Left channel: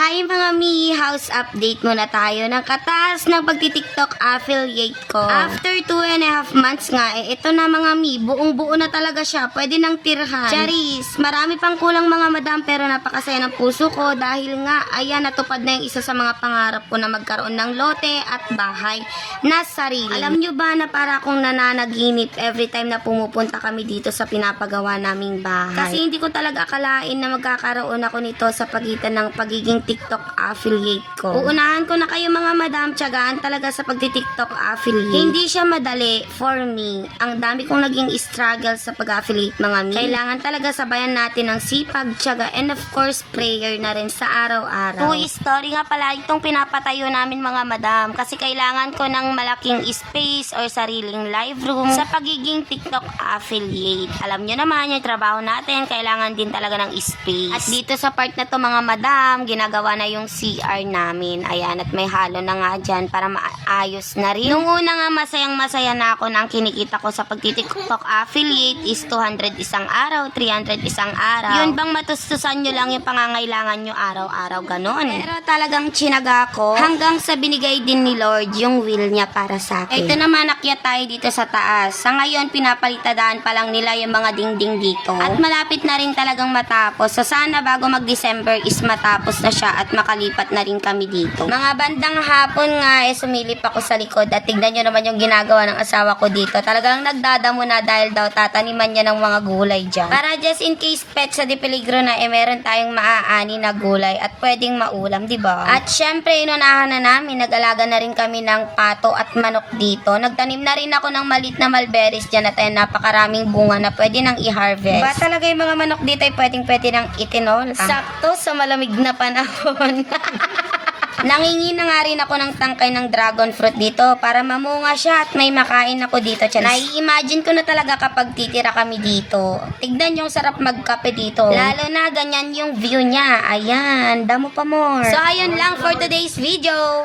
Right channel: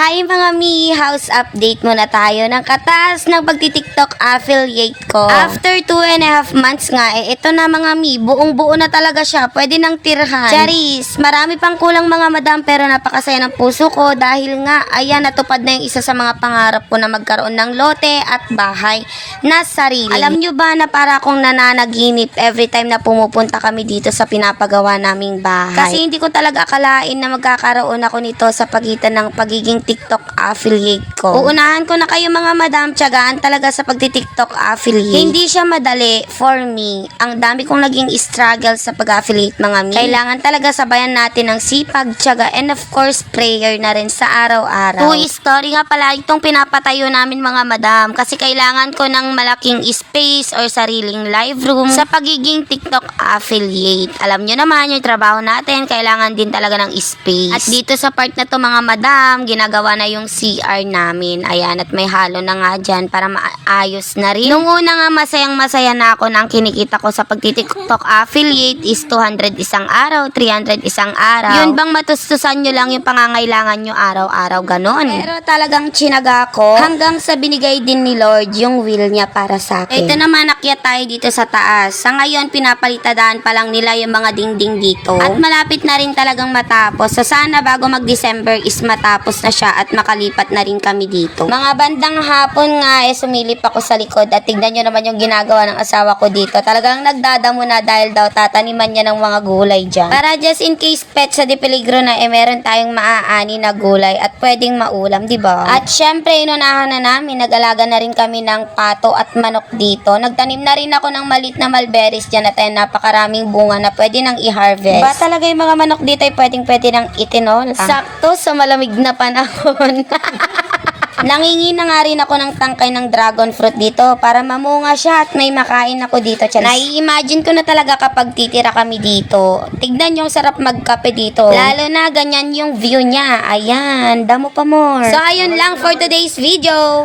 Hi mga mi! House update muna tayo ng katas ng pagti-TikTok affiliate ko. After 2.5 months nga, ito na mga mi, buong-buo na talaga siya. Pwede nang tirhan. Charis, marami pang kulang mga madam pero napakasaya ng puso ko dahil nga, ayan, natupad na yung isa sa mga pangarap ko na magkaroon ng lote at bahay na sarili. Alam nyo ba na para akong nananaginip every time na pumupunta kami dito sa pinapagawa naming bahay? Kasi hindi ko talaga akalain na magkakaroon ako nito sa pagitan ng pagiging TikTok affiliate ko. Uunahan ko na kayo mga madam, tiyagaan talaga sa pagti-TikTok affiliate. Hindi siya madali for me. Ang dami kong naging struggle sa pag-affiliate mga mi. Kailangan talaga sabayan natin ng sipag, tiyaga, and of course, prayer na rin sa araw-araw. Story nga pala itong pinapatayo namin mga madam kasi kailangan ko ng malaking space or sariling live room sa pagiging TikTok affiliate. Alam nyo naman yung trabaho natin, kailangan din talaga ng space. At dito sa part na to mga madam, ginagawa na yung CR namin. Ayan, at may halo na nga dyan para maayos na rin. Nung una nga masayang-masaya na ako na ang kinikita ko sa pagti-TikTok affiliate is 200 isang araw, 300 isang araw. Yun bang matustusan nyo lang yung pangangailangan nyo araw-araw, ganon. Pero talagang tsinaga ko hanggang sa binigay din ni Lord yung will niya para sa akin. Ito naman, akyat tayo dito sa taas. Sa ngayon, pinapalitadaan pa lang nila yung mga dingding dito. At malapit na rin talagang matapos. So sana bago mag-December is matapos na siya at makalipat na rin kami dito. Mga bandang hapon nga sumilip ako sa likod at tignan nyo naman yung ginagawa ng asawa ko dito. Talagang nagdadamo na dahil daw tataniman niya ng mga gulay dyan. Para just in case pet sa di peligro na meron tayong maaani na gulay at pwedeng maulam, di ba? At syempre inunahan na namin, nag-alaga na rin kami ng pato at manok dito. Nagtanim na rin ako ng malit na mulberries dyan at ayun, napakaraming bunga na pwede nang i-harvest. Ba talaga yung mga manok dito ay pwede nang itinol? Sakto sa malamig na panahon. Nangingi na nga rin ako ng tangkay ng dragon fruit dito para mamunga siya at may makain ako dito. Nai-imagine ko na talaga kapag titira kami dito. Tignan yung sarap magkape dito. Lalo na ganyan yung view niya. Ayan, damo pa more. So ayun lang for today's video.